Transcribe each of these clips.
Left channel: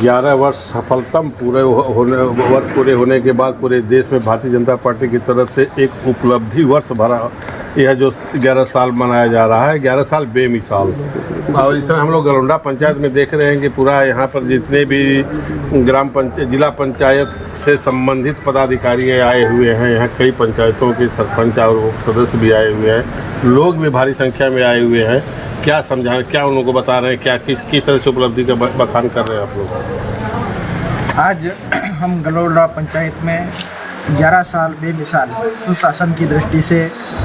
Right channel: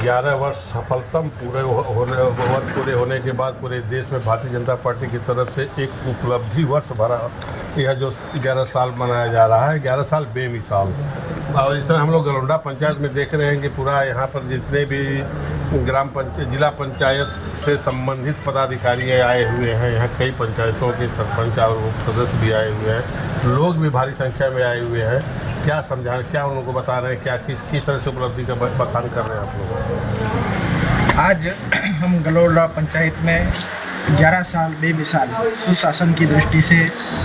11 वर्ष सफलतम वर्ष पूरे होने के बाद पूरे देश में भारतीय जनता पार्टी की तरफ से एक उपलब्धि वर्ष भरा यह जो 11 साल मनाया जा रहा है। 11 साल बेमिसाल। और इसमें हम लोग गलोंडा पंचायत में देख रहे हैं कि पूरा यहाँ पर जितने भी जिला पंचायत से संबंधित पदाधिकारी आए हुए हैं, यहाँ कई पंचायतों के सरपंच और सदस्य भी आए हुए हैं, लोग भी भारी संख्या में आए हुए हैं। क्या समझा, क्या उन लोगों को बता रहे हैं, क्या किस तरह से उपलब्धि का बखान कर रहे हैं आप लोग? आज हम गलोंडा पंचायत में 11 साल बेमिसाल सुशासन की दृष्टि से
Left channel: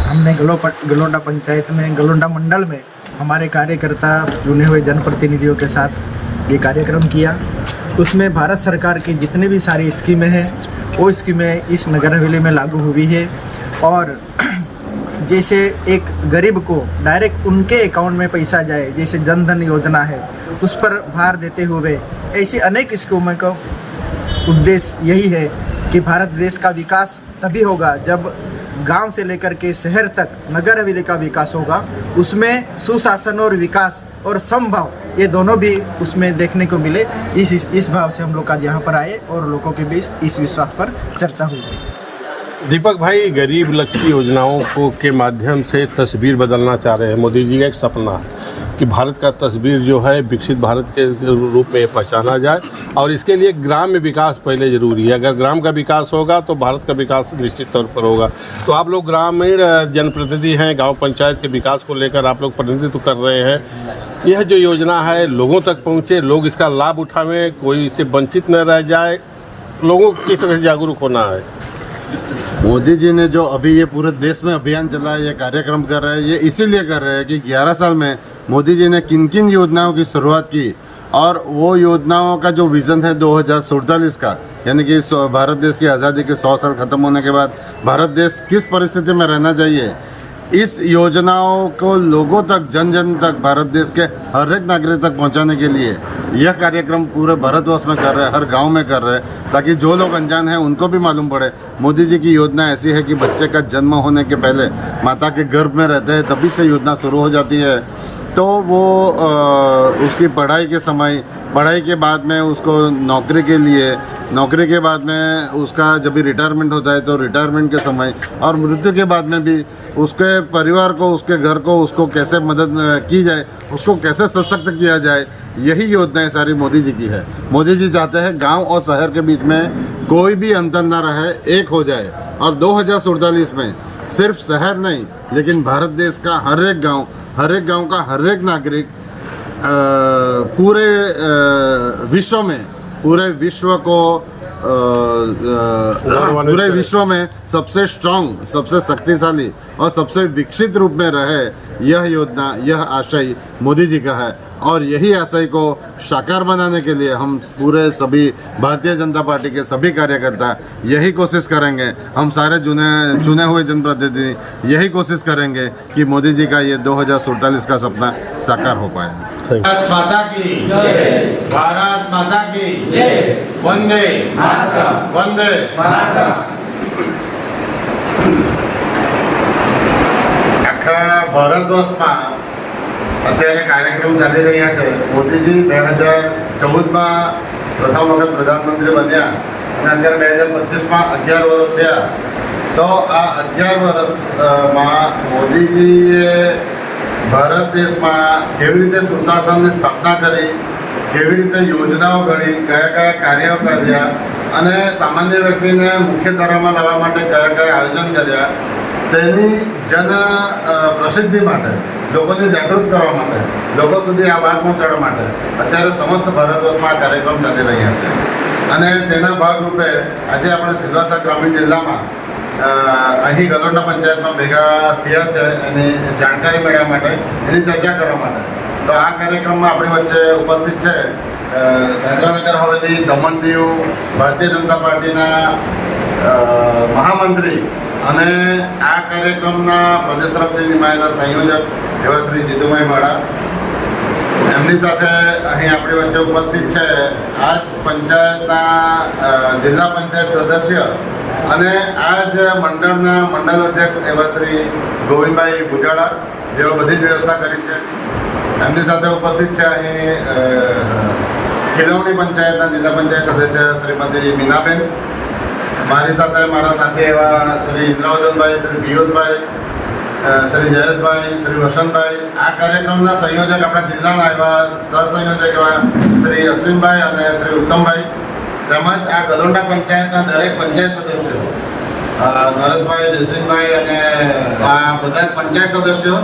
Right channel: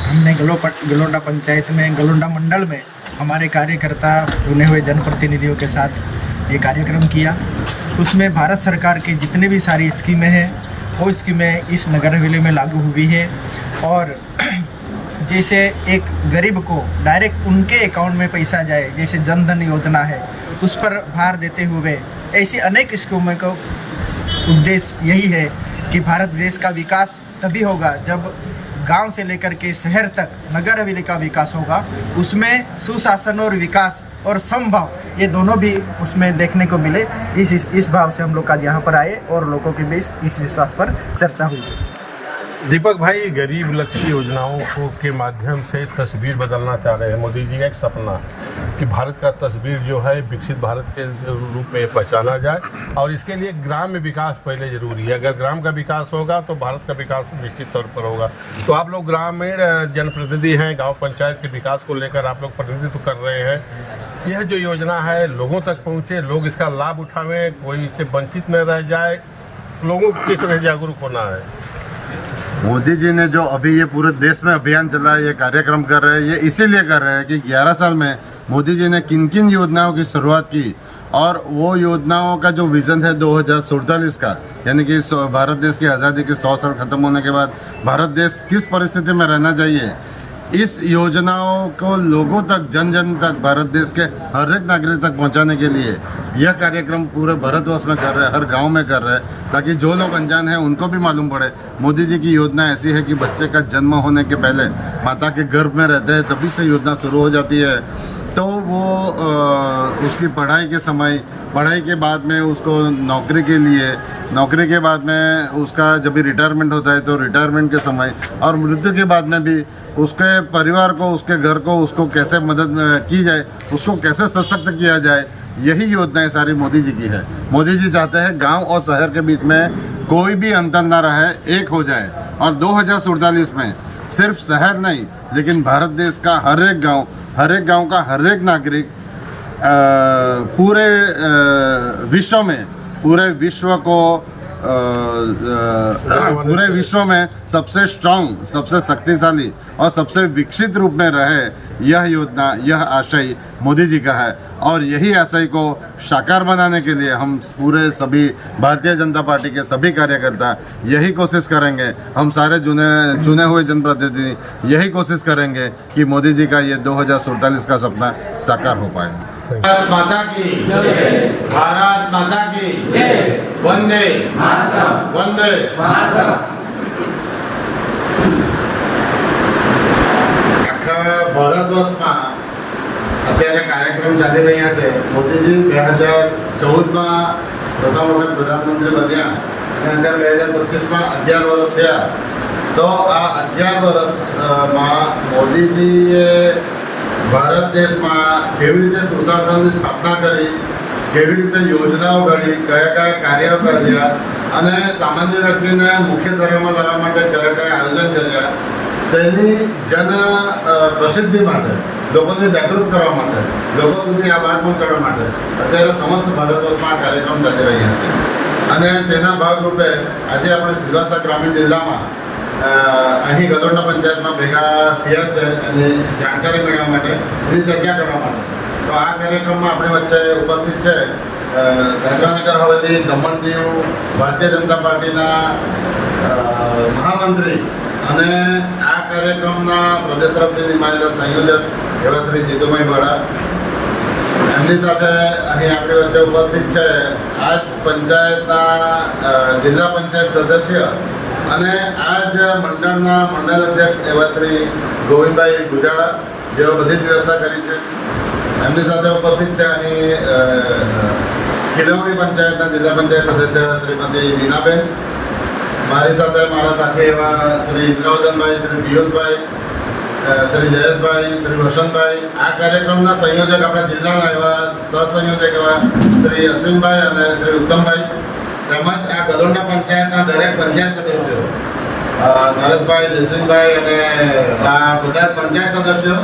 हमने गलोंडा पंचायत में गलोंडा मंडल में हमारे कार्यकर्ता चुने हुए जनप्रतिनिधियों के साथ ये कार्यक्रम किया। उसमें भारत सरकार की जितनी भी सारी स्कीमें हैं वो स्कीमें इस नगर हवेली में लागू हुई है। और जैसे एक गरीब को डायरेक्ट उनके अकाउंट में पैसा जाए, जैसे जन धन योजना है, उस पर भार देते हुए ऐसी अनेक स्कीमों का उद्देश्य यही है कि भारत देश का विकास तभी होगा जब गांव से लेकर के शहर तक नगर हवेली का विकास होगा। उसमें सुशासन और विकास और समभाव ये दोनों भी उसमें देखने को मिले। इस भाव से हम लोग आज यहाँ पर आए और लोगों के बीच इस विश्वास पर चर्चा हुई। दीपक भाई, गरीब लक्ष्मी योजनाओं को के माध्यम से तस्वीर बदलना चाह रहे हैं। मोदी जी का एक सपना कि भारत का तस्वीर जो है विकसित भारत के रूप में पहचाना जाए, और इसके लिए ग्राम में विकास पहले जरूरी है। अगर ग्राम का विकास होगा तो भारत का विकास निश्चित तौर पर होगा। तो आप लोग ग्रामीण जनप्रतिनिधि हैं, गांव पंचायत के विकास को लेकर आप लोग प्रतिनिधित्व कर रहे हैं। यह जो योजना है लोगों तक पहुँचे, लोग इसका लाभ उठावें, कोई इससे वंचित न रह जाए, लोगों को किस तरह से जागरूक होना है? मोदी जी ने जो अभी ये पूरे देश में अभियान चला है, ये कार्यक्रम कर रहे हैं, ये इसीलिए कर रहे हैं कि 11 साल में मोदी जी ने किन किन योजनाओं की शुरुआत की, और वो योजनाओं का जो विजन है 2047 का, यानी कि भारत देश की आज़ादी के 100 साल खत्म होने के बाद भारत देश किस परिस्थिति में रहना चाहिए, इस योजनाओं को लोगों तक, जन जन तक, भारत देश के हर एक नागरिक तक पहुंचाने के लिए यह कार्यक्रम पूरे भारतवर्ष में कर रहे हैं, हर गांव में कर रहे हैं, ताकि जो लोग अनजान हैं उनको भी मालूम पड़े। मोदी जी की योजना ऐसी है कि बच्चे का जन्म होने के पहले माता के गर्भ में रहते हैं, तभी से योजना शुरू हो जाती है। तो वो उसकी पढ़ाई के समय, पढ़ाई के बाद में उसको नौकरी के लिए, नौकरी के बाद में उसका जब भी रिटायरमेंट होता है तो रिटायरमेंट के समय, और मृत्यु के बाद में भी उसके परिवार को, उसके घर को, उसको कैसे मदद की जाए, उसको कैसे सशक्त किया जाए, यही योजनाएं सारी मोदी जी की है। मोदी जी चाहते हैं गांव और शहर के बीच में कोई भी अंतर ना रहे, एक हो जाए। और 2047 में सिर्फ शहर नहीं, लेकिन भारत देश का हर एक गांव का हर एक नागरिक पूरे विश्व में सबसे स्ट्रांग, सबसे शक्तिशाली और सबसे विकसित रूप में रहे, यह योजना, यह आशय मोदी जी का है। और यही आशय को साकार बनाने के लिए हम पूरे सभी भारतीय जनता पार्टी के सभी कार्यकर्ता यही कोशिश करेंगे, हम सारे चुने हुए जनप्रतिनिधि यही कोशिश करेंगे कि मोदी जी का ये 2047 का सपना साकार हो पाए। भारत माता की जय, भारत माता की जय, वंदे वंदे। આખા ભારતવર્ષમાં અત્યારે કાર્યક્રમ ચાલી રહ્યા છે। મોદીજી 2014માં પ્રથમ વખત પ્રધાનમંત્રી બન્યા અને અત્યારે 2025માં 11 વર્ષ થયા। તો આ 11 વર્ષમાં મોદીજીએ ભારત દેશમાં કેવી રીતે સુશાસનની સ્થાપના કરી, કેવી રીતે યોજનાઓ ઘડી, કયા કયા કાર્યો કર્યા અને સામાન્ય વ્યક્તિને મુખ્યધારામાં લાવવા માટે કયા કયા આયોજન કર્યા, તેની જન પ્રસિદ્ધિ માટે, લોકોને જાગૃત કરવા માટે, લોકો સુધી આ વાત પહોંચાડવા માટે અત્યારે સમસ્ત ભારતવર્ષમાં આ કાર્યક્રમ ચાલી રહ્યા છે। અને તેના ભાગરૂપે આજે આપણે સિલવાસા ગ્રામીણ જિલ્લામાં અહીં ગલોંડા પંચાયતમાં ભેગા થયા છે એની જાણકારી મેળવવા માટે, એની ચર્ચા કરવા માટે। તો આ કાર્યક્રમમાં આપણી વચ્ચે ઉપસ્થિત છે દાદરાનગર હવેલી, દમણ દીવ ભારતીય જનતા પાર્ટીના મહામંત્રી અને આ કાર્યક્રમના પ્રદેશ તરફથી નિમાયેલા સંયોજક એવા શ્રી જીતુભાઈ વાળા, એમની સાથે અહીં આપણી વચ્ચે ઉપસ્થિત છે આજ પંચાયતના જિલ્લા પંચાયત સદસ્ય અને આજ મંડળના મંડળ અધ્યક્ષ એવા શ્રી ગોવિંદભાઈ ભુજાડા, જેઓ બધી જ વ્યવસ્થા કરી છે। એમની સાથે ઉપસ્થિત છે અહીં ખીલવણી પંચાયતના જિલ્લા પંચાયત સદસ્ય શ્રીમતી મીનાબેન, મારી સાથે મારા સાથી એવા શ્રી ઇન્દ્રવદનભાઈ, શ્રી પિયુષભાઈ, શ્રી જયેશભાઈ, શ્રી વસંતભાઈ, આ કાર્યક્રમના સંયોજક આપણા જિલ્લાના એવા સહસંયોજક એવા શ્રી અશ્વિનભાઈ અને શ્રી ઉત્તમભાઈ, તેમજ આ ગલોંડા પંચાયતના દરેક પંચાયત સદસ્યો નરેશભાઈ, જયસિંહભાઈ અને આ બધા પંચાયત સદસ્યો,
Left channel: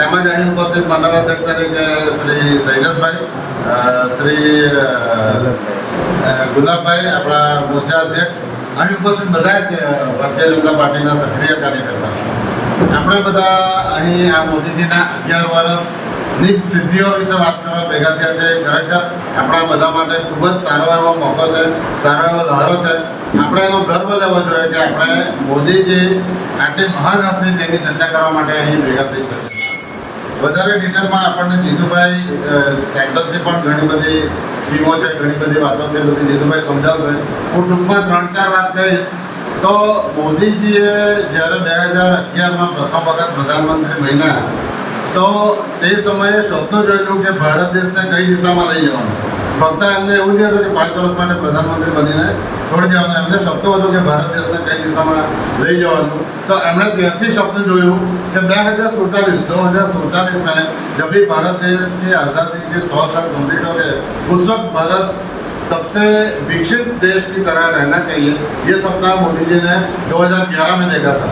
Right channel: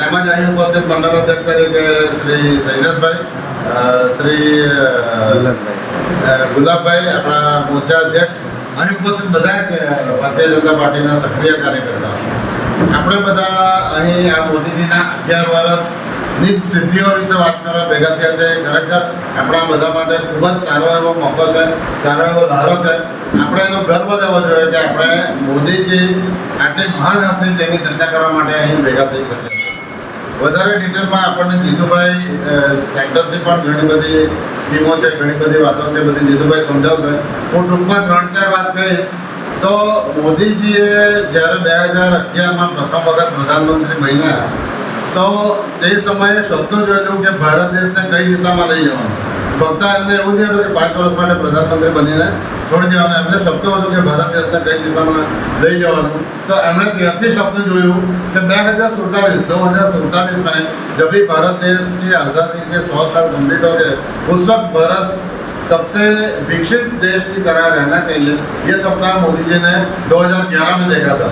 તેમજ અહીં ઉપસ્થિત મંડળ અધ્યક્ષ તરીકે શ્રી શૈલેષભાઈ, શ્રી ગુલાબભાઈ, આપણા મોરચા અધ્યક્ષ, અહીં ઉપસ્થિત બધા જ ભારતીય જનતા પાર્ટીના સક્રિય કાર્યકર્તાઓ, આપણે બધા અહીં આ મોદીજીના 11 વર્ષની સિદ્ધિઓ વિશે વાત કરવા ભેગા થયા છે. ખરેખર આપણા બધા માટે ખૂબ જ સારો એવો મોકો છે, સારો એવો લહેરો છે. આપણે એનો ગર્વ લેવો જોઈએ કે આપણે મોદીજી આટલી મહાન હસ્તી જેની ચર્ચા કરવા માટે અહીં ભેગા થઈ શકીએ. વધારે ડિટેલમાં આપણને જીતુભાઈ સેક્ટરથી પણ ઘણી બધી સ્કીમો છે, ઘણી બધી વાતો છે, બધી જીતુભાઈ સમજાવશે. હું ટૂંકમાં 3-4 વાત કહીશ. તો મોદીજીએ જ્યારે 2011માં પ્રથમ વખત પ્રધાનમંત્રી બન્યા તો તે સમયે સપનું જોયેલું કે ભારત દેશને કઈ દિશામાં લઈ જવાનું. ફક્ત એમને એવું નહીં હતું કે 5 વર્ષ માટે પ્રધાનમંત્રી બનીને છોડી દેવાનું. એમને સપનું હતું કે ભારત દેશને કઈ દિશામાં લઈ જવાનું. તો એમણે ત્યાંથી સપનું જોયું कि 2047 में जब भी भारत देश की आज़ादी के 100 साल कम्प्लीट हो गए, उस वक्त भारत सबसे विकसित देश की तरह रहना चाहिए. ये सपना मोदी जी ने 2011 में देखा था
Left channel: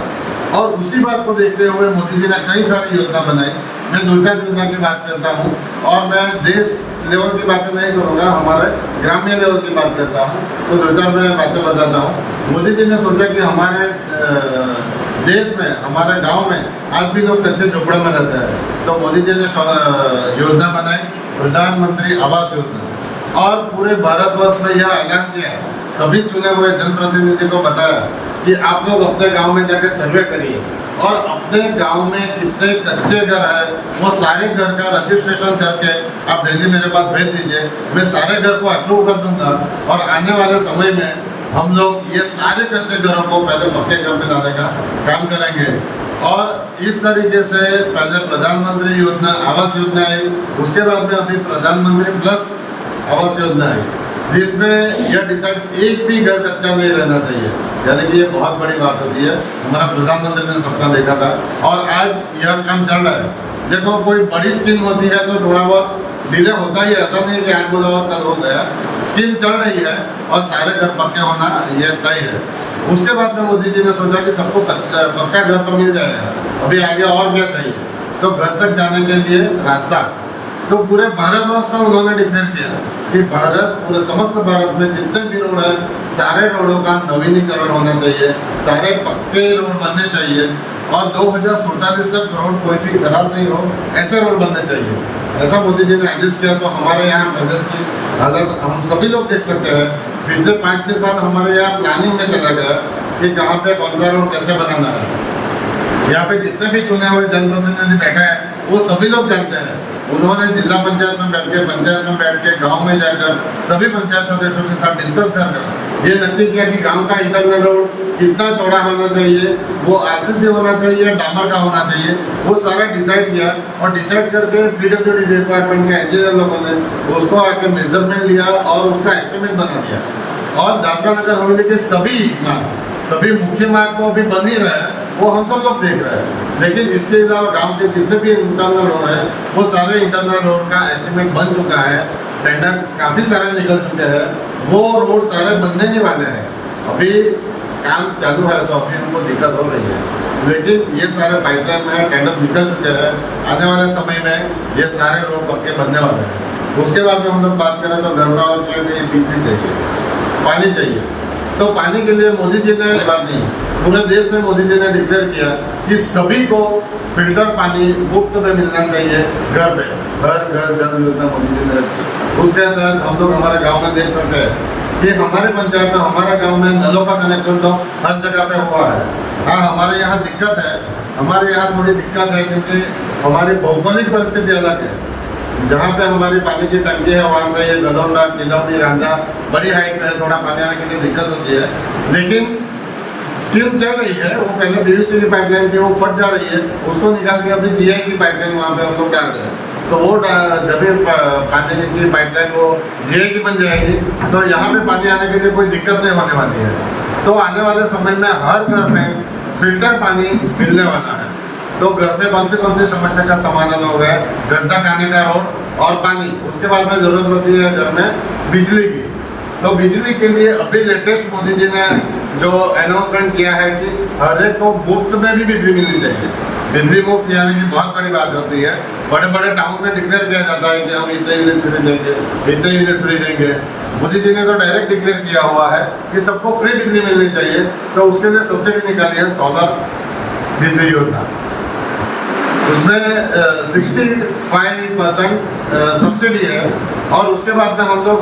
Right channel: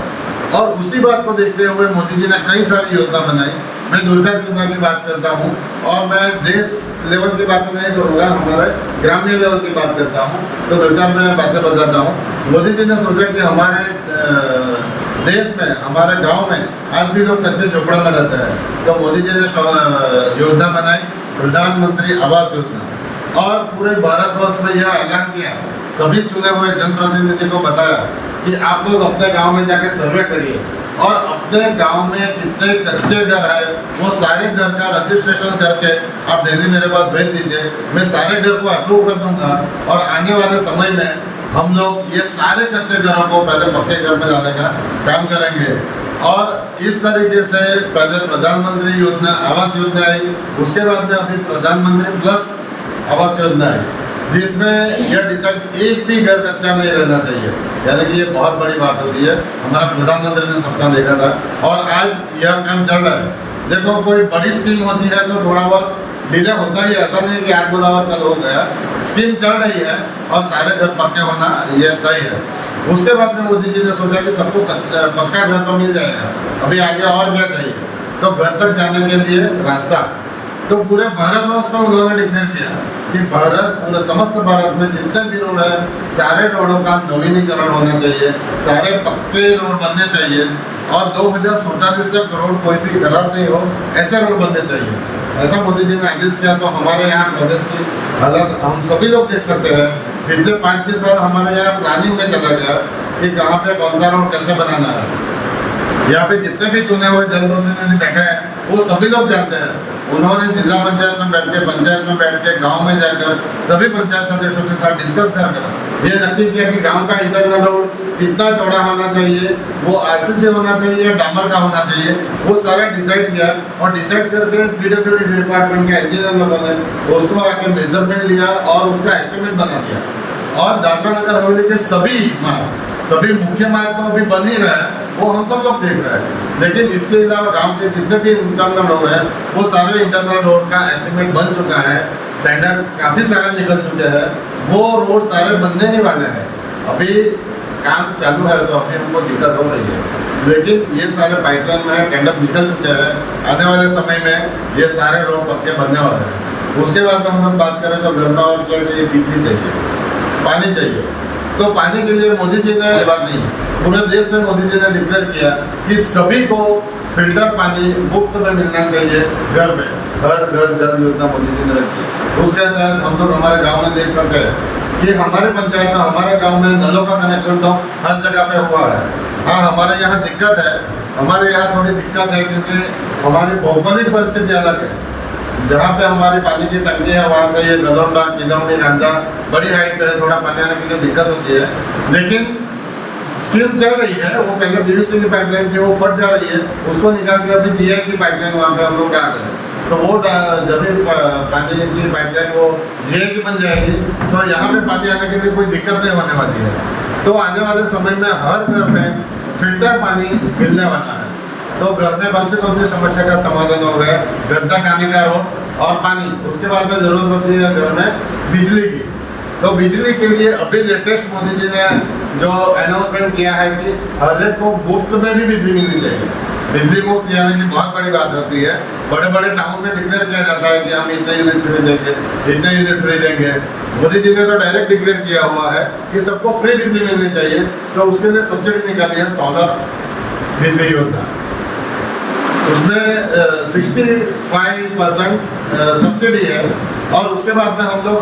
और उसी बात को देखते हुए मोदी जी ने कई सारी योजना बनाई. मैं 2-4 योजना की बात करता हूँ और मैं देश लेवल की बातें नहीं करूँगा, हमारे ग्रामीण लेवल की बात करता हूँ. तो 2-4 मैं बातें बताता हूँ. मोदी जी ने सोचा कि हमारे देश में, हमारे गांव में आज भी लोग कच्चे झोपड़े में रहते हैं. तो मोदी जी ने योजना बनाई, प्रधानमंत्री आवास योजना, और पूरे भारतवर्ष में यह ऐलान किया, सभी चुने हुए जनप्रतिनिधि को बताया कि आप लोग अपने गांव में जाकर सर्वे करिए और अपने गांव में कितने कच्चे घर है वो सारे घर का रजिस्ट्रेशन करके आप डेली मेरे पास भेज दीजिए. मैं सारे घर को अप्रूव कर दूंगा और आने वाले समय में हम लोग ये सारे कच्चे घरों को पहले पक्के घर में लाने का काम करेंगे. और इस तरीके से पहले प्रधानमंत्री योजना आवास योजना आई, उसके बाद में अभी प्रधानमंत्री प्लस आवास योजना आई, जिसमें यह डिसाइड एक भी घर कच्चा नहीं रहना चाहिए. यानी कि ये बहुत बड़ी बात होती है. हमारा प्रधानमंत्री ने सपना देखा था और आज यह काम चल रहा है. देखो, कोई बड़ी स्कीम होती है तो थोड़ा बहुत डिले होता ही है, ऐसा नहीं है कि आज बोला और कल हो गया. स्कीम चल रही है और सारे घर पक्के होना ये तय है. उसके बाद में मोदी जी ने सोचा कि सबको पक्का घर तो मिल जाएगा, अभी आगे और क्या चाहिए. तो घर तक जाने के लिए रास्ता, तो पूरे भारतवर्ष में उन्होंने डिक्लेयर किया कि भारत, पूरे समस्त भारत में जितने भी रोड है सारे रोडों का नवीनीकरण होना चाहिए, सारे पक्के रोड बनने चाहिए और 2047 तक रोड कोई भी खराब नहीं हो, ऐसे रोड बनने चाहिए. ऐसा मोदी जी ने आदेश किया. तो हमारे यहाँ प्रदेश की हालत हम सभी लोग देख सकते हैं. पिछले 5-6 साल हमारे यहाँ प्लानिंग में चला गया कि कहाँ पे कौन सा रोड कैसे बनाना है. यहाँ पे जितने भी चुने हुए जनप्रतिनिधि बैठे हैं वो सभी लोग जानते हैं. उन्होंने जिला पंचायत में बैठ के, पंचायत में बैठ के, गांव में जाकर सभी पंचायत सदस्यों के साथ डिस्कस कर ये नक्की किया कि गांव का इंटरनल रोड कितना चौड़ा होना चाहिए, वो आरसीसी होना चाहिए, डामर का होना चाहिए, वो सारा डिसाइड किया. और डिसाइड करके पीडब्ल्यूडी डिपार्टमेंट के इंजीनियर लोगों ने उसको आके मेजरमेंट लिया और उसका एस्टिमेट बना दिया. और दादरा नगर हवेली के सभी मार्ग, सभी मुख्य मार्ग तो अभी बन ही रहा है, वो हम सब लोग देख रहे हैं. लेकिन इसके अलावा गांव के जितने भी इंटरनल रोड है वो सारे इंटरनल रोड का एस्टिमेट बन चुका है. टेंडर काफ़ी सारे निकल चुके हैं. वो रोड सारे बनने ही वाले हैं. अभी काम चालू है तो अभी हमको दिक्कत हो रही है, लेकिन ये सारे पाइपलाइन में टेंडर निकल चुके हैं. आने वाले समय में ये सारे रोड सबके बनने वाले हैं. उसके बाद में हम लोग बात करें तो घर में और क्या चाहिए, बिजली चाहिए, पानी चाहिए. तो पानी के लिए मोदी जी ने बात नहीं, पूरे देश में मोदी जी ने डिक्लेयर किया कि सभी को फिल्टर पानी मुफ्त में मिलना चाहिए घर पे. हर घर घर योजना मोदी जी ने रखी. उसके तहत हम लोग हमारे गांव में देख सकते हैं कि हमारे पंचायत में, हमारे गांव में नलों का कनेक्शन तो हर जगह पे हुआ है. हाँ, हमारे यहाँ दिक्कत है, हमारे यहाँ थोड़ी दिक्कत है क्योंकि हमारी भौगोलिक परिस्थिति अलग है. जहाँ पे हमारी पानी की टंकी है वहाँ से ये गलोंडा, किलौनी, रंगा बड़ी हाइट पे है, थोड़ा पानी आने के लिए दिक्कत होती है. लेकिन स्कीम चल रही है. वो पहले पीयूसी की पाइपलाइन थी, वो फट जा रही है, उसको निकाल के अभी जीआई की पाइपलाइन वहाँ पे हम लोग डाल रहे हैं. तो वो जब भी पानी की पाइपलाइन वो जीए की बन जाएगी तो यहाँ पे पानी आने के लिए कोई दिक्कत नहीं होने वाली है। तो आने वाले समय में हर घर में फिल्टर पानी मिलने वाला है। तो घर में कौन सी समस्या का समाधान हो गया, गंदा खाने का रोड और पानी। उसके बाद में जरूरत होती है घर में बिजली की। तो बिजली के लिए अभी लेटेस्ट मोदी जी ने जो अनाउंसमेंट किया है कि हर एक को मुफ्त में भी बिजली मिलनी चाहिए। बिजली मुफ्त यानी कि बहुत बड़ी बात होती है। बड़े बड़े टाउन में डिक्लेयर किया जाता है कि हम इतने यूनिट फ्री देंगे, इतने यूनिट फ्री देंगे। मोदी जी ने तो डायरेक्ट डिक्लेयर किया हुआ है कि सबको फ्री बिजली मिलनी चाहिए। तो उसके लिए सब्सिडी निकाली है सोलर बिजली योजना। उसमें 65% सब्सिडी है और उसके बाद में हम लोग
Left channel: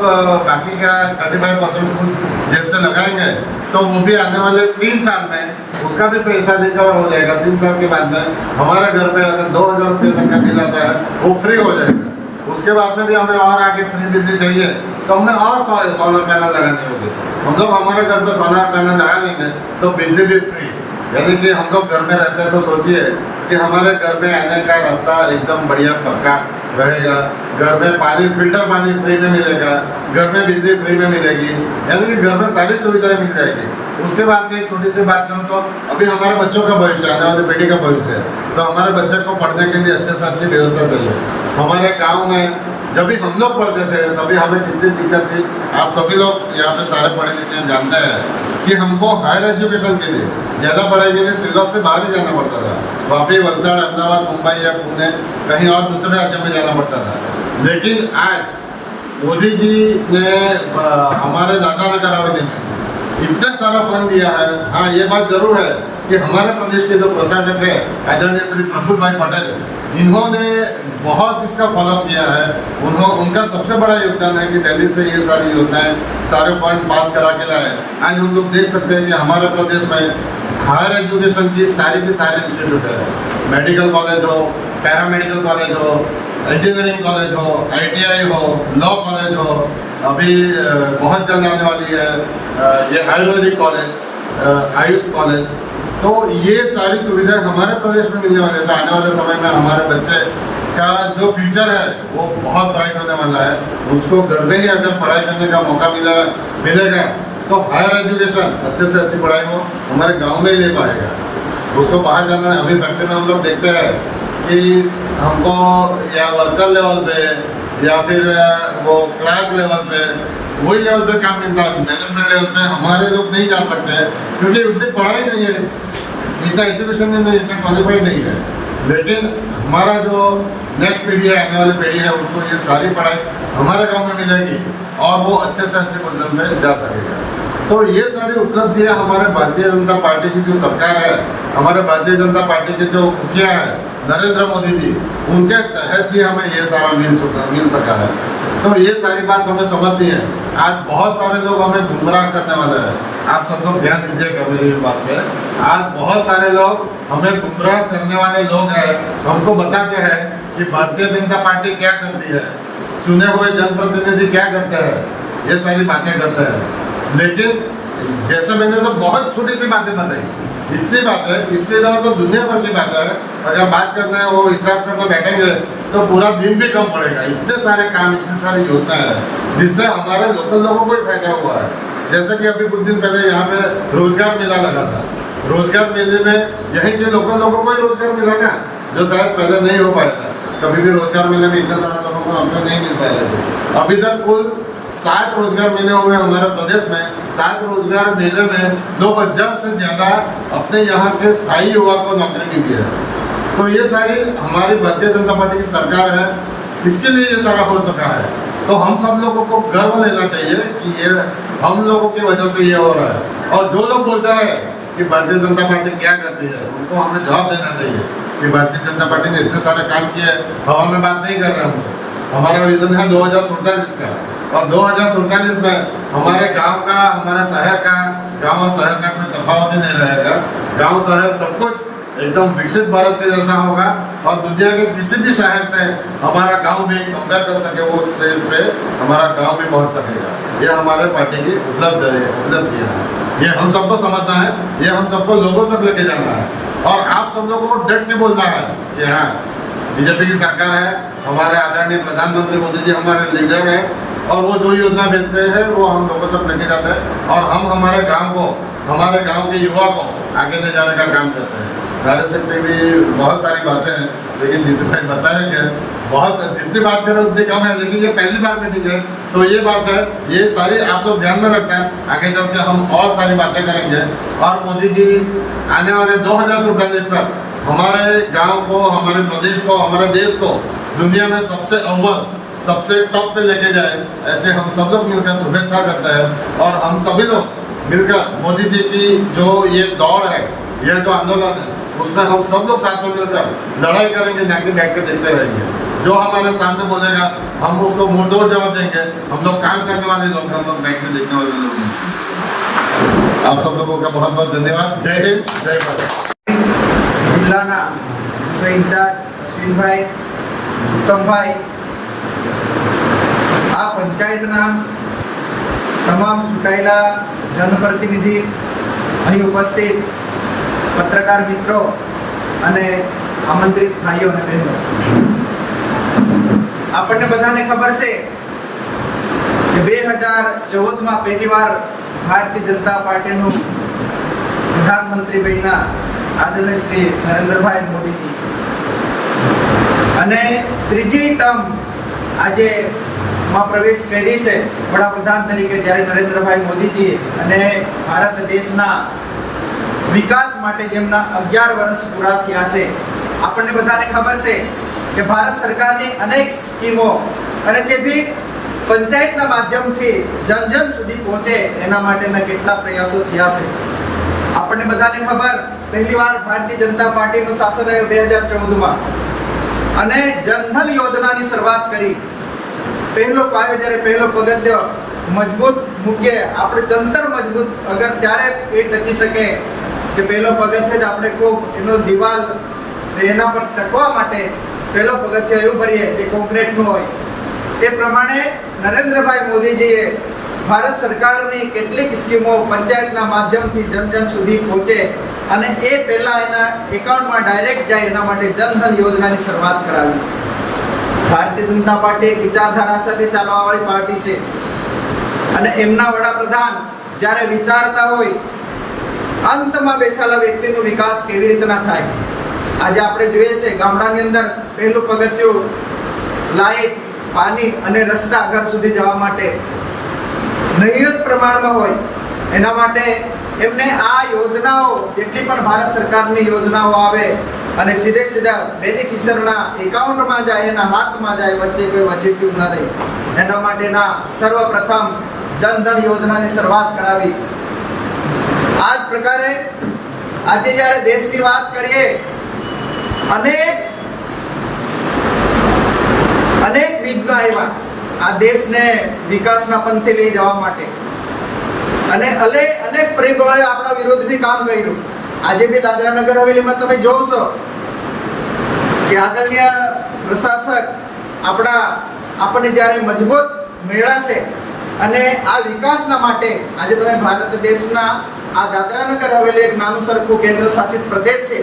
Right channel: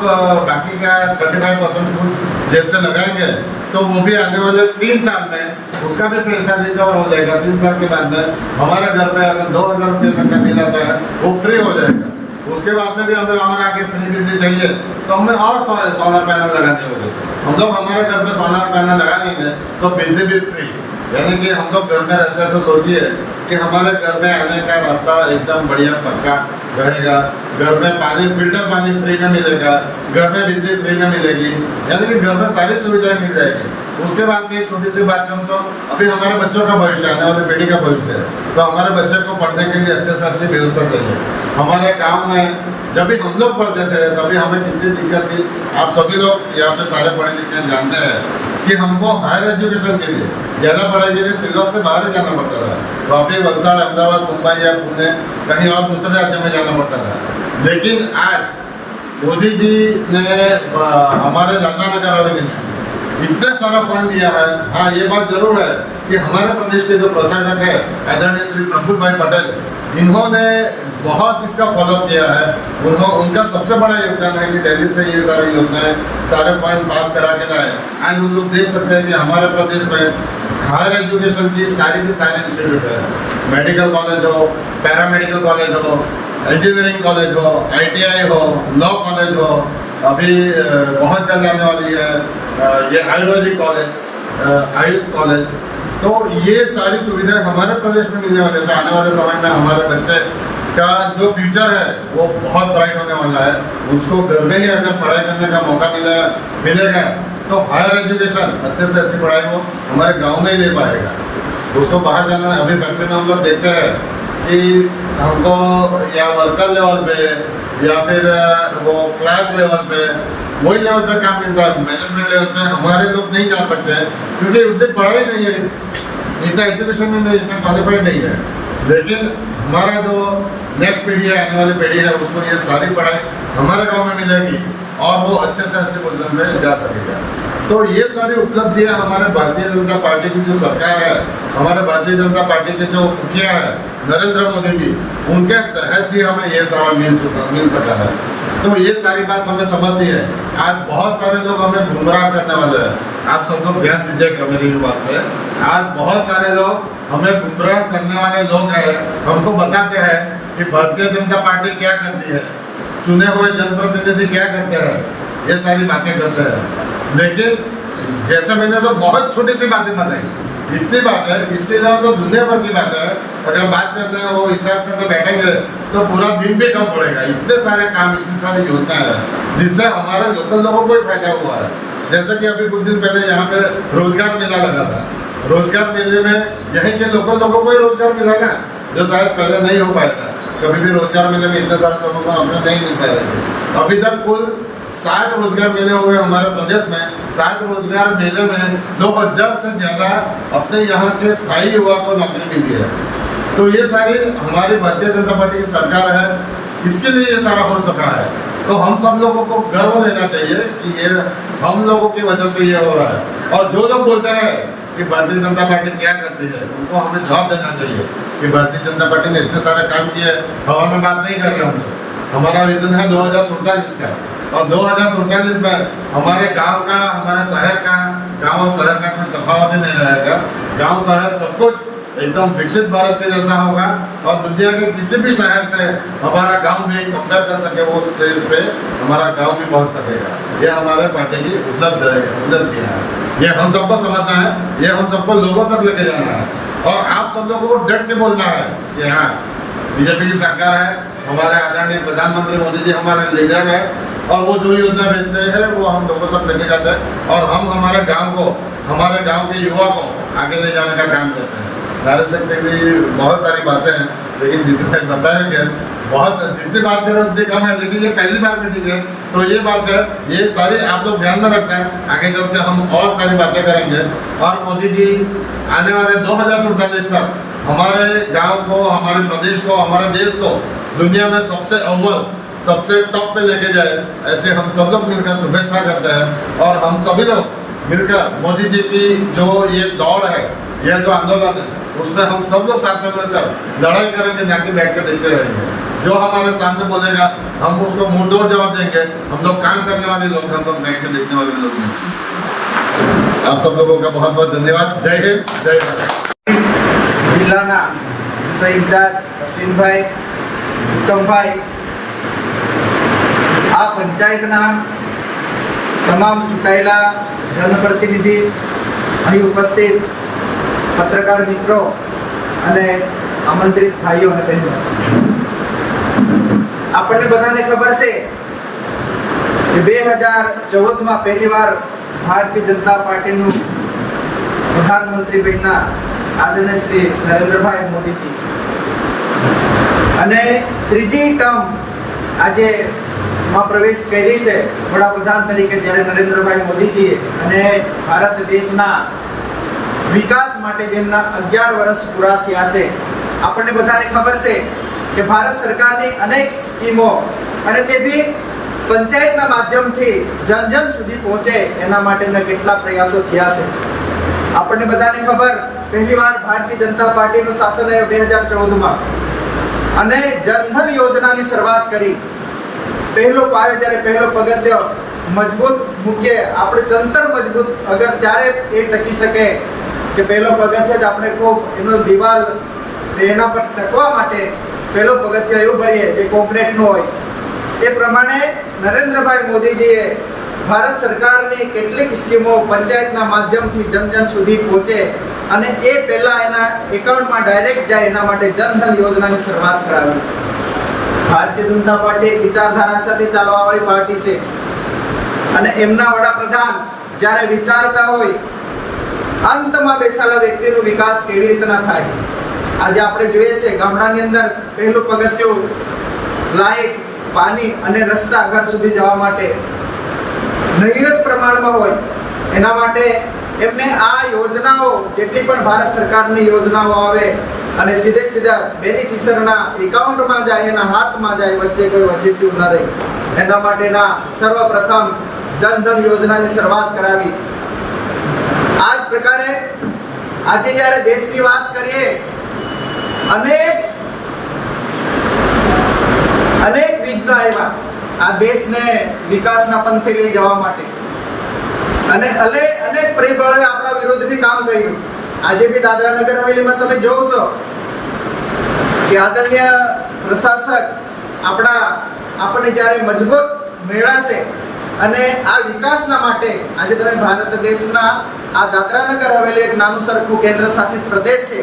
बाकी का 35% खुद जेब से लगाएंगे। तो वो भी आने वाले 3 साल में उसका भी पैसा रिकवर हो जाएगा। 3 साल के बाद में हमारे घर पे अगर 2000 रुपये तक का बिल आता है वो फ्री हो जाएगा। उसके बाद में भी हमें और आगे फ्री बिजली चाहिए तो हमें और सोलर पैनल लगाने होंगे। हम लोग हमारे घर पे सोलर पैनल लगा लेंगे तो बिजली भी फ्री। यानी कि हम लोग घर में रहते हैं तो सोचिए कि हमारे घर में आने का रास्ता एकदम बढ़िया पक्का रहेगा। घर में पानी, फिल्टर पानी फ्री में मिलेगा, घर में बिजली फ्री में मिलेगी, यानी कि घर में सारी सुविधाएं मिल जाएगी। उसके बाद में एक छोटी सी बात करूँ तो अभी हमारे बच्चों का भविष्य, आने वाली पीढ़ी का भविष्य है। तो हमारे बच्चे को पढ़ने के लिए अच्छे से अच्छी व्यवस्था चाहिए। हमारे गाँव में जब भी हम लोग पढ़ते थे तभी हमें कितनी दिक्कत थी। आप सभी लोग यहाँ पे सारे पढ़े लिखे जानते हैं कि हमको हायर एजुकेशन के लिए, ज़्यादा पढ़ाई के लिए सिलेबस से बाहर ही जाना पड़ता था। वापी, वलसाड़, अहमदाबाद, मुंबई या पुणे, कहीं और दूसरे राज्य में जाना पड़ता था। लेकिन आज मोदी जी ने हमारे दादरा नगर हवेली में इतना सारा फंड दिया है। हाँ, ये बात जरूर है कि हमारे प्रदेश के जो प्रशासक है आदरणीय श्री प्रफुल्ल भाई पटेल, इन्होंने बहुत इसका फॉलोअप किया है। उनका सबसे बड़ा योगदान है कि दिल्ली से ये सारी योजनाएं, सारे फंड पास करा के लाए। आज हम लोग देख सकते हैं कि हमारे प्रदेश में हायर एजुकेशन की सारी इंस्टीट्यूट है। मेडिकल कॉलेज हो, पैरामेडिकल कॉलेज हो, इंजीनियरिंग कॉलेज हो, ITI हो, लॉ कॉलेज हो, अभी बहुत जल्द आने वाली है ये आयुर्वेदिक कॉलेज, आयुष कॉलेज। तो ये सारी सुविधाएं हमारे प्रदेश में मिलने वाले हैं। आने वाले समय में हमारे बच्चे का जो फ्यूचर है वो बहुत ब्राइट होने वाला है। उसको घर में ही अगर पढ़ाई करने का मौका मिलेगा तो हायर एजुकेशन, अच्छे से अच्छी पढ़ाई हो हमारे गांव में ही ले पाएगा। उसको बाहर जाना है। अभी फैक्ट्री में हम लोग देखते हैं कि हमको या वर्कर लेवल पे या फिर वो क्लास लेवल पे, वही लेवल पे काम मिलता है। मैनेजमेंट लेवल पे हमारे लोग नहीं जा सकते हैं क्योंकि उतनी पढ़ाई नहीं है, इतना एजुकेशन नहीं, इतना क्वालिफाइड नहीं है। लेकिन हमारा जो नेक्स्ट पीढ़ी है, आने वाली पीढ़ी है, उसको ये सारी पढ़ाई हमारे गांव में मिलेगी और वो अच्छे से अच्छे पोजीशन पे जा सकेगा। तो ये सारी उपलब्धियां हमारे भारतीय जनता पार्टी की जो सरकार है, हमारे भारतीय जनता पार्टी के जो मुखिया है नरेंद्र मोदी जी, उनके तहत ही हमें ये सारा मिल सका है। तो ये सारी बात हमें समझनी है। आज बहुत सारे लोग हमें गुमराह करने वाले हैं। आप सब लोग ध्यान दीजिएगा मेरी बात पे। आज बहुत सारे लोग हमें गुमराह करने वाले लोग हैं, हमको बताते हैं कि भारतीय जनता पार्टी क्या करती है, चुने हुए जनप्रतिनिधि क्या करते हैं, ये सारी बातें करते हैं। लेकिन जैसे मैंने तो बहुत छोटी सी बातें बताई, इतनी बात है, इसके अलावा तो दुनिया भर की बात है। अगर बात करना है, वो हिसाब करके बैठेंगे तो पूरा दिन भी कम पड़ेगा। इतने सारे काम, इतनी सारी योजना है जिससे हमारे लोकल लोगों को ही फायदा हुआ है। जैसे कि अभी कुछ दिन पहले यहाँ पे रोजगार मेला लगा था। रोजगार मेले में यहीं के लोकल लोगों को ही रोजगार मिला ना, जो शायद पहले नहीं हो पाया था। कभी भी रोजगार मेले में इतने सारे लोगों को नौकरी नहीं मिल पाए थे। अभी तक कुल 7 रोजगार मेले हुए हमारे प्रदेश में। 7 रोजगार मेले में 2000 से ज्यादा अपने यहाँ के स्थायी युवा को नौकरी मिली है। तो ये सारी हमारी भारतीय जनता पार्टी की सरकार है, इसके लिए ये सारा हो सका है। तो हम सब लोगों को गर्व लेना चाहिए कि ये हम लोगों की वजह से ये हो रहा है। और जो लोग बोलते हैं कि भारतीय जनता पार्टी क्या करती है, उनको हमें जवाब देना चाहिए कि भारतीय जनता पार्टी ने इतने सारे काम किए। हवा में बात नहीं कर रहे हम। हमारा विजन है 2047 का, और 2047 में हमारे गांव का, हमारे शहर का, गांव और शहर का कोई तफावत ही नहीं रहेगा। गांव शहर सब कुछ एकदम विकसित भारत के जैसा होगा और दुनिया के किसी भी शहर से हमारा गांव भी कंपेयर कर सके, वो स्टेज पे हमारा गांव भी पहुंच सकेगा। ये हमारे पार्टी की उपलब्धियां है। ये हम सबको समझना है, ये हम सबको लोगों तक लेके जाना है और आप सब लोगों को डट के बोलना है कि हाँ, बीजेपी की सरकार है, हमारे आदरणीय प्रधानमंत्री मोदी जी हमारे लीडर हैं और वो जो योजना भेजते हैं वो हम लोगों तक लेके जाते हैं और हम हमारे गांव को, हमारे गांव के युवा को आगे ले जाने का काम करते हैं। नारी शक्ति की बहुत सारी बातें हैं, लेकिन जितने भाई बताया गया बहुत, जितनी बात करें उतनी कम है, लेकिन ये पहली बार मीटिंग है तो ये बात है, ये सारी आप लोग ध्यान में रखना है। आगे चल के हम और सारी बातें करेंगे और मोदी जी आने वाले 2047 तक हमारे गांव को, हमारे प्रदेश को, हमारे देश को दुनिया में सबसे अव्वल, सबसे टॉप पे लेके जाए, ऐसे हम सब लोग मिलकर शुभेच्छा करते हैं। और हम सभी लोग मिलकर मोदी जी की जो ये दौड़ है, यह जो आंदोलन है, उसमें हम सब लोग साथ में मिलकर लड़ाई करेंगे, ना कि बैठ के देखते रहेंगे। जो हमारे सामने बोलेगा हम उसको मुंहतोड़ जवाब देंगे। हम लोग काम करने वाले लोग, हम लोग बैठ के देखने वाले लोग हैं। आप सब लोगों का बहुत बहुत धन्यवाद। जय हिंद, जय भारत। જિલ્લાના વિષય ઇન્ચાર્જ અશ્વિનભાઈ, ઉત્તમભાઈ, આ પંચાયતના તમામ ચૂંટાયેલા જનપ્રતિનિધિ, અહીં ઉપસ્થિત પત્રકાર મિત્રો અને આમંત્રિત ભાઈઓ અને બહેનો, આપણને બધાને ખબર છે કે 2014માં પહેલીવાર ભારતીય જનતા પાર્ટીનું પ્રધાનમંત્રી બન્યા આદરણીય શ્રી નરેન્દ્રભાઈ મોદીજી, અને ત્રીજી ટર્મ આજે માં પ્રવેશ કરી છે વડાપ્રધાન તરીકે, જ્યારે નરેન્દ્રભાઈ મોદીજીએ અને ભારત દેશના વિકાસ માટે જેમના 11 વર્ષ પૂરા થયા છે. આપણને બધાને ખબર છે કે ભારત સરકારની અનેક સ્કીમો અને તે બી પંચાયતના માધ્યમથી જન જન સુધી પહોંચે એના માટેના કેટલા પ્રયાસો થયા છે. આપણને બધાને ખબર, પહેલીવાર ભારતીય જનતા પાર્ટીનું શાસન આવ્યું 2014માં અને જનધન યોજનાની શરૂઆત કરી. પહેલો પાયો, જ્યારે પહેલો પગથિયો મજબૂત મૂકીએ, આપણે જંતર મજબૂત અગર ત્યારે એ ટકી શકે કે પહેલો પગથિયો જ આપણે ખૂબ એનો દિવાલ એના પર ટકવા માટે પહેલો પગથિયો એવું ભરીએ જે કોન્ક્રીટનું હોય. એ પ્રમાણે નરેન્દ્રભાઈ મોદીજીએ ભારત સરકારની કેટલીક સ્કીમો પંચાયતના માધ્યમથી જન જન સુધી પહોંચે અને એ પહેલા એના એકાઉન્ટમાં ડાયરેક્ટ જાય એના માટે જનધન યોજનાની શરૂઆત કરાવી. ભારતીય જનતા પાર્ટી એક વિચારધારા સાથે ચાલવાવાળી પાર્ટી છે અને એમના વડાપ્રધાન જ્યારે વિચારતા હોય અંતમાં બેસાયેલા વ્યક્તિનો વિકાસ કેવી રીતના થાય. આજે આપણે જોઈએ છે ગામડાની અંદર પહેલું પગથિયું લાઇટ, પાણી અને રસ્તા ઘર સુધી જવા માટે નહિવત પ્રમાણમાં હોય. એના માટે એમને આ યોજનાઓ, જેટલી પણ ભારત સરકારની યોજનાઓ આવે અને સીધે સીધા બેનિફિશિયરીના એકાઉન્ટમાં જાય, એના હાથમાં જાય, વચ્ચે કોઈ વચેટિયું ન રહે, એના માટેના સર્વપ્રથમ જનધન યોજનાની શરૂઆત કરાવી. આ જ પ્રકારે આજે જ્યારે દેશની વાત કરીએ, અનેક વિઘ્નો આવ્યા આ દેશને વિકાસના પંથે લઈ જવા માટે અને અનેક પરિબળોએ આપણા વિરુદ્ધ બી કામ કર્યું. આજે બી દાદરા નગર હવેલીમાં તમે જોશો કે આદરણીય પ્રશાસક આપણને જ્યારે મજબૂત મળ્યા છે અને આ વિકાસના માટે આજે તમે ભારત દેશના આ દાદરા નગર હવેલી એક નાનું સરખું કેન્દ્ર શાસિત પ્રદેશ છે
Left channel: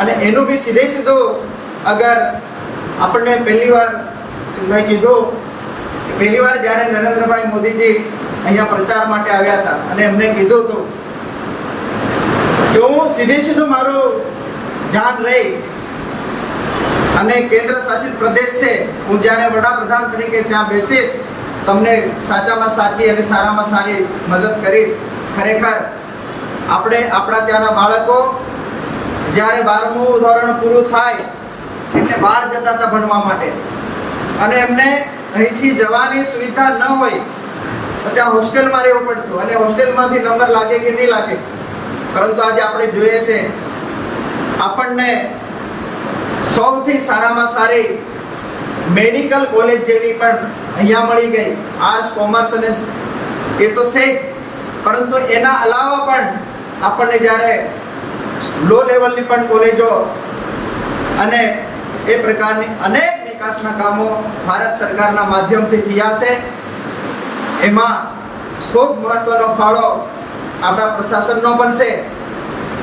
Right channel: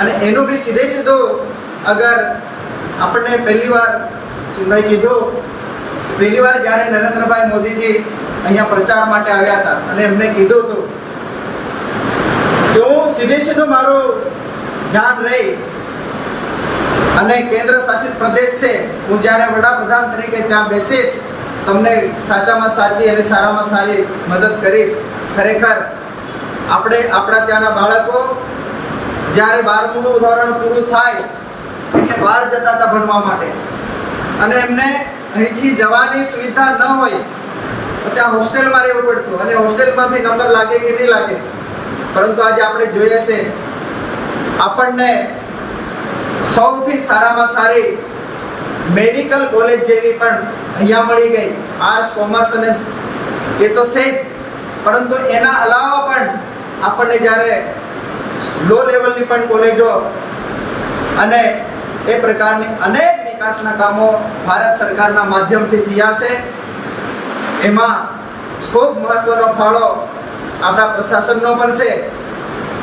અને એનું બી સીધે સીધું અગર આપણને પહેલીવાર મેં કીધું, પહેલીવાર જ્યારે નરેન્દ્રભાઈ મોદીજી અહીંયા પ્રચાર માટે આવ્યા હતા અને એમને કીધું હતું કે હું સીધે સીધું મારું ધ્યાન રહી અને કેન્દ્ર શાસિત પ્રદેશ છે, હું જ્યારે વડાપ્રધાન તરીકે ત્યાં બેસીશ તમને સાચામાં સાચી અને સારામાં સારી મદદ કરીશ. ખરેખર આપણે આપણા ત્યાંના બાળકો જ્યારે 12મું ધોરણ પૂરું થાય એટલે બહાર જતા હતા ભણવા માટે અને એમને અહીંથી જવાની સુવિધા ન હોય તો ત્યાં હોસ્ટેલમાં રહેવું પડતું અને હોસ્ટેલમાં બી નંબર લાગે કે નહીં લાગે. પરંતુ આજે આપણે જોઈએ છે આપણને સૌથી સારામાં સારી મેડિકલ કોલેજ જેવી પણ અહીંયા મળી ગઈ. આર્ટ્સ, કોમર્સ અને એ તો છે જ, પરંતુ એના અલાવા પણ આપણને જ્યારે લો લેવલની પણ કોલેજો અને એ પ્રકારની અનેક વિકાસના કામો ભારત સરકારના માધ્યમથી થયા છે. એમાં ખૂબ મહત્વનો ફાળો આપણા પ્રશાસનનો પણ છે,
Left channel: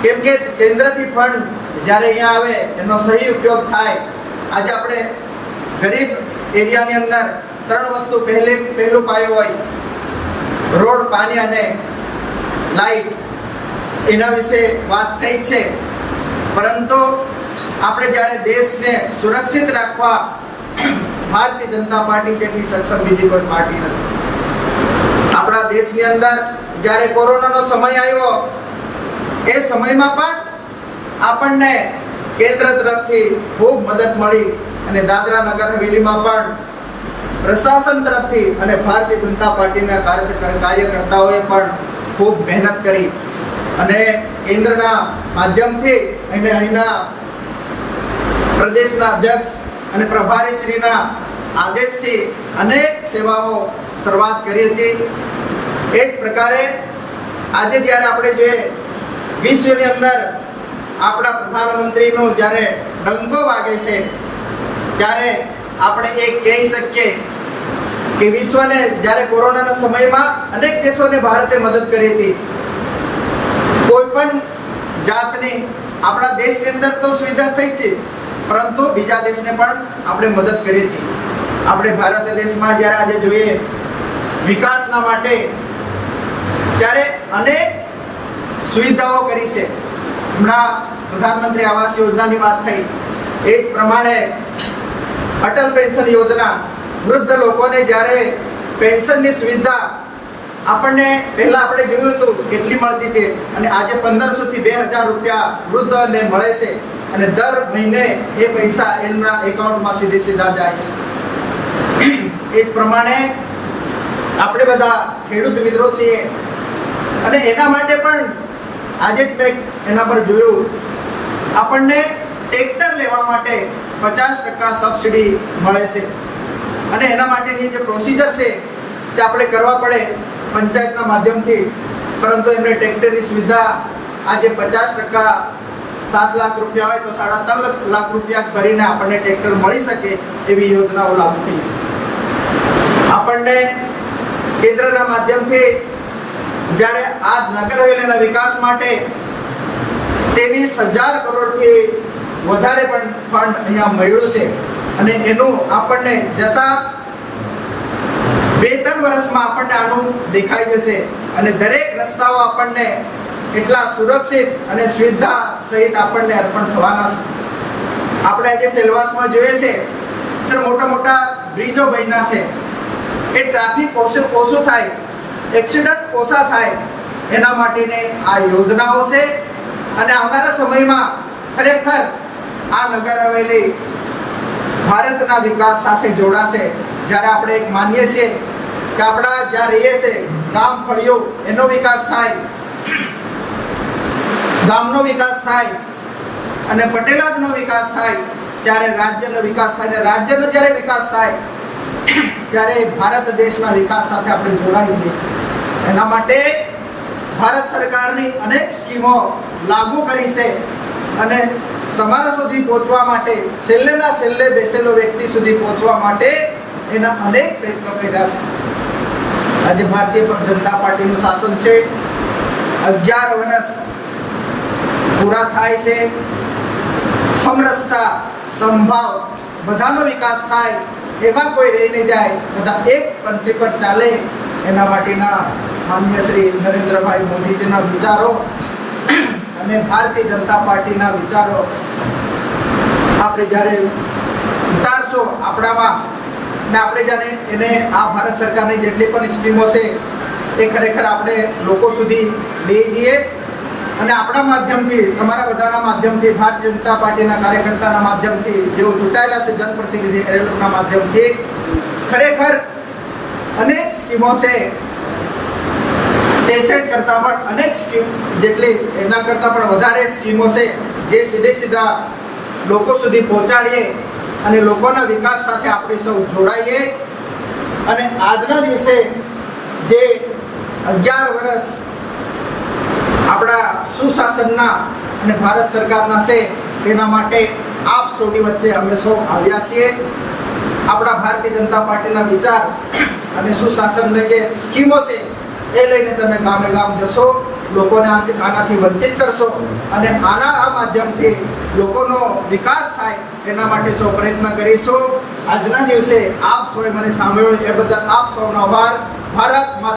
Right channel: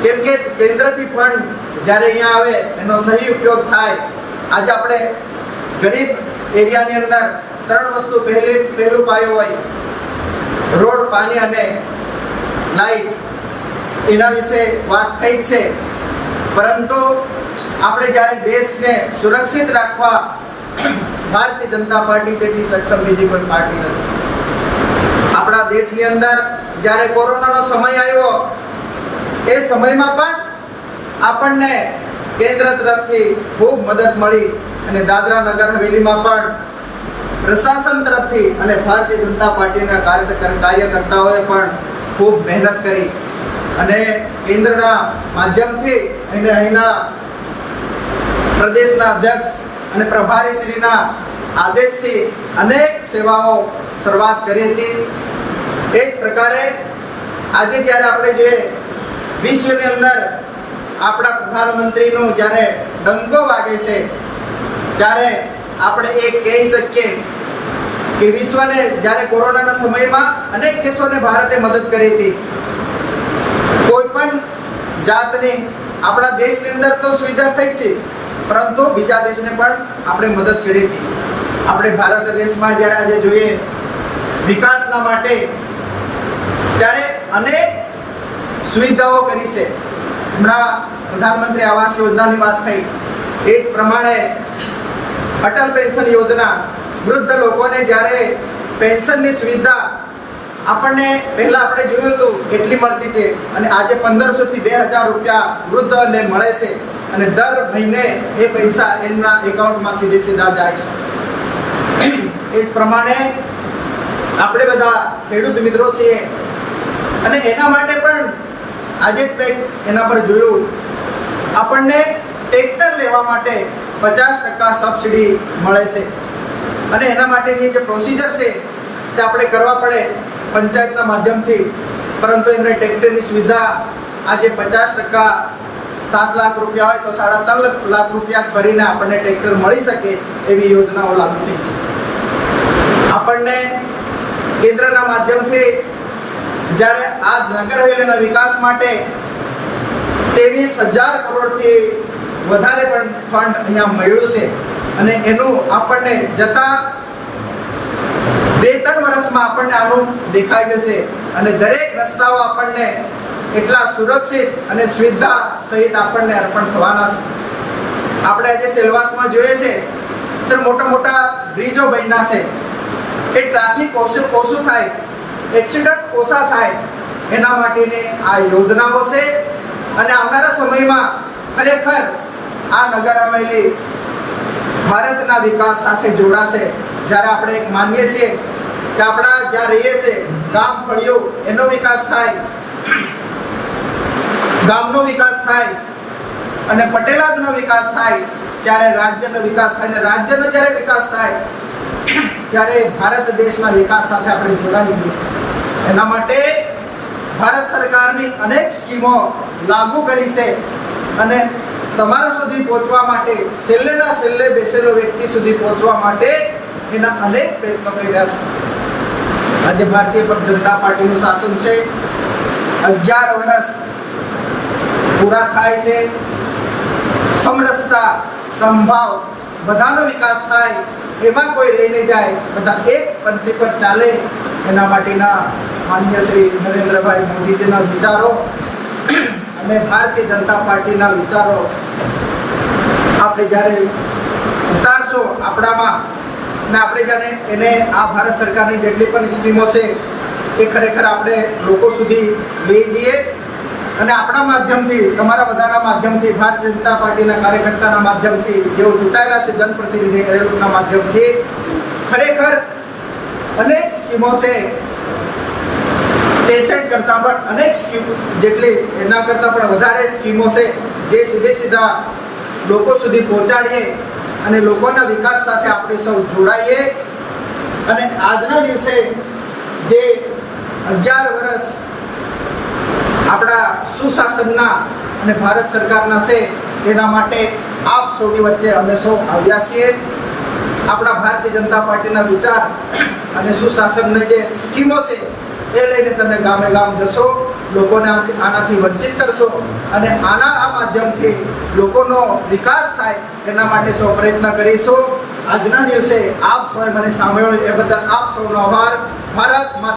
કેમ કે કેન્દ્રથી ફંડ જ્યારે અહીંયા આવે એનો સહી ઉપયોગ થાય. આજે આપણે ગરીબ એરિયાની અંદર 3 વસ્તુ પહેલો પાયો હોય, રોડ, પાણી અને લાઈટ, એના વિશે વાત થઈ છે. પરંતુ આપણે જ્યારે દેશને સુરક્ષિત રાખવા ભારતીય જનતા પાર્ટી જેટલી સક્ષમ બીજી કોઈ પાર્ટી નથી. આપણા દેશની અંદર જ્યારે કોરોનાનો સમય આવ્યો, એ સમયમાં પણ આપણને કેન્દ્ર તરફથી ખૂબ મદદ મળી અને દાદરા નગર હવેલીમાં પણ પ્રશાસન તરફથી અને ભારતીય જનતા પાર્ટીના કાર્યકર્તાઓએ પણ ખૂબ મહેનત કરી અને કેન્દ્રના માધ્યમથી અને અહીંના પ્રદેશના અધ્યક્ષ અને પ્રભારીશ્રીના આદેશથી અનેક સેવાઓ શરૂઆત કરી હતી. એ જ પ્રકારે આજે જ્યારે આપણે જોઈએ વિશ્વની અંદર આપણા પ્રધાનમંત્રીનો જ્યારે ડંકો વાગે છે, ત્યારે આપણે એ કહી શકીએ કે વિશ્વને જ્યારે કોરોનાના સમયમાં અનેક દેશોને ભારતે મદદ કરી હતી. કોઈ પણ જાતની આપણા દેશની અંદર તો સુવિધા થઈ છે, પરંતુ બીજા દેશને પણ આપણે મદદ કરી હતી. આપણે ભારત દેશમાં જ્યારે આજે જોઈએ વિકાસના માટે ત્યારે અનેક સુવિધાઓ કરી છે. હમણાં પ્રધાનમંત્રી આવાસ યોજનાની વાત થઈ, એ જ પ્રમાણે અટલ પેન્શન યોજના, વૃદ્ધ લોકોને જ્યારે પેન્શનની સુવિધા આપણને પહેલા આપણે જોયું હતું કેટલી મળતી હતી, અને આજે 1500 થી 2000 રૂપિયા વૃદ્ધોને મળે છે અને દર મહિને એ પૈસા એમના એકાઉન્ટમાં સીધા જાય છે. એ જ પ્રમાણે આપણે બધા ખેડૂત મિત્રો છીએ અને એના માટે પણ આજે જ મેં એના પર જોયું, આપણને ટ્રેક્ટર લેવા માટે 50% સબસિડી મળે છે અને એના માટેની જે પ્રોસિજર છે તે આપણે કરવા પડે પંચાયતના માધ્યમથી. પરંતુ એમને ટ્રેક્ટરની સુવિધા આજે 50%, 7 લાખ રૂપિયા હોય તો 3.5 લાખ રૂપિયા ભરીને આપણને ટ્રેક્ટર મળી શકે એવી યોજનાઓ લાગુ થઈ છે. આપણને કેન્દ્રના માધ્યમથી જ્યારે આ નગર હવેલીના વિકાસ માટે 23,000 કરોડથી વધારે પણ ફંડ અહીંયા મળ્યું છે અને એનું આપણને જતા 2-3 વર્ષમાં આપણને આનું દેખાઈ જશે અને દરેક રસ્તાઓ આપણને એટલા સુરક્ષિત અને સુવિધા સહિત આપણને અર્પણ થવાના છે. આપણે આજે સેલવાસમાં જોઈએ છે ત્યારે મોટા મોટા બ્રિજો બન્યા છે કે ટ્રાફિક ઓછું થાય, એક્સિડન્ટ ઓછા થાય, એના માટેની આ યોજનાઓ છે. અને આવનારા સમયમાં ખરેખર આ નગર હવેલી ભારતના વિકાસ સાથે જોડાશે. જ્યારે આપણે એક માનીએ છીએ કે આપણા જ્યાં રહીએ છીએ ગામ ફળિયો એનો વિકાસ થાય, ગામનો વિકાસ થાય અને પટેલાદનો વિકાસ થાય, ત્યારે રાજ્યનો વિકાસ થાય અને રાજ્યનો જ્યારે વિકાસ થાય ત્યારે ભારત દેશના વિકાસ સાથે આપણે જોડાઈ જઈએ. એના માટે ભારત સરકારની અનેક સ્કીમો લાગુ કરી છે અને તમારા સુધી પહોંચવા માટે, છેલ્લેના છેલ્લે બેસેલો વ્યક્તિ સુધી પહોંચવા માટે એના અનેક પ્રયત્નો કરી રહ્યા છે. આજે ભારતીય જનતા પાર્ટીનું શાસન છે, 11 વર્ષ પૂરા થાય છે. સમરસતા, સંભાવ, બધાનો વિકાસ થાય, એમાં કોઈ રહી નહીં જાય, બધા એક પંક્તિ પર ચાલે, એના માટેના માનનીય શ્રી નરેન્દ્રભાઈ મોદીજીના વિચારો અને ભારતીય જનતા પાર્ટીના વિચારો આપણે જ્યારે ઉતારશો આપણામાં અને આપણે જાણે એને આ ભારત સરકારની જેટલી પણ સ્કીમો છે એ ખરેખર આપણે લોકો સુધી લઈ જઈએ અને આપણા માધ્યમથી, તમારા બધાના માધ્યમથી, ભારતીય જનતા પાર્ટીના કાર્યકર્તાના માધ્યમથી, જેઓ ચૂંટાયેલા છે જનપ્રતિનિધિ એ લોકોના માધ્યમથી ખરેખર અનેક સ્કીમો છે, 63 કરતાં પણ અનેક સ્કીમ જેટલી એના કરતાં પણ વધારે સ્કીમો છે જે સીધા લોકો સુધી પહોંચાડીએ અને લોકોના વિકાસ સાથે આપણે સૌ જોડાઈએ. અને આજના દિવસે જે 11 વર્ષ આપણા સુશાસનના અને ભારત સરકારના છે તેના માટે આપ સૌની વચ્ચે અમે સૌ આવ્યા છીએ. આપણા ભારતીય જનતા પાર્ટીના વિચાર અને સુશાસનની જે સ્કીમો છે એ લઈને તમે ગામે ગામ જશો, લોકોને આનાથી વંચિત કરશો અને આના આ માધ્યમથી લોકોનો વિકાસ થાય એના માટે સૌ પ્રયત્ન કરીશું. આજના દિવસે આપ સૌએ મને સાંભળ્યું એ બદલ આપ સૌનો આભાર. ભારત માતા.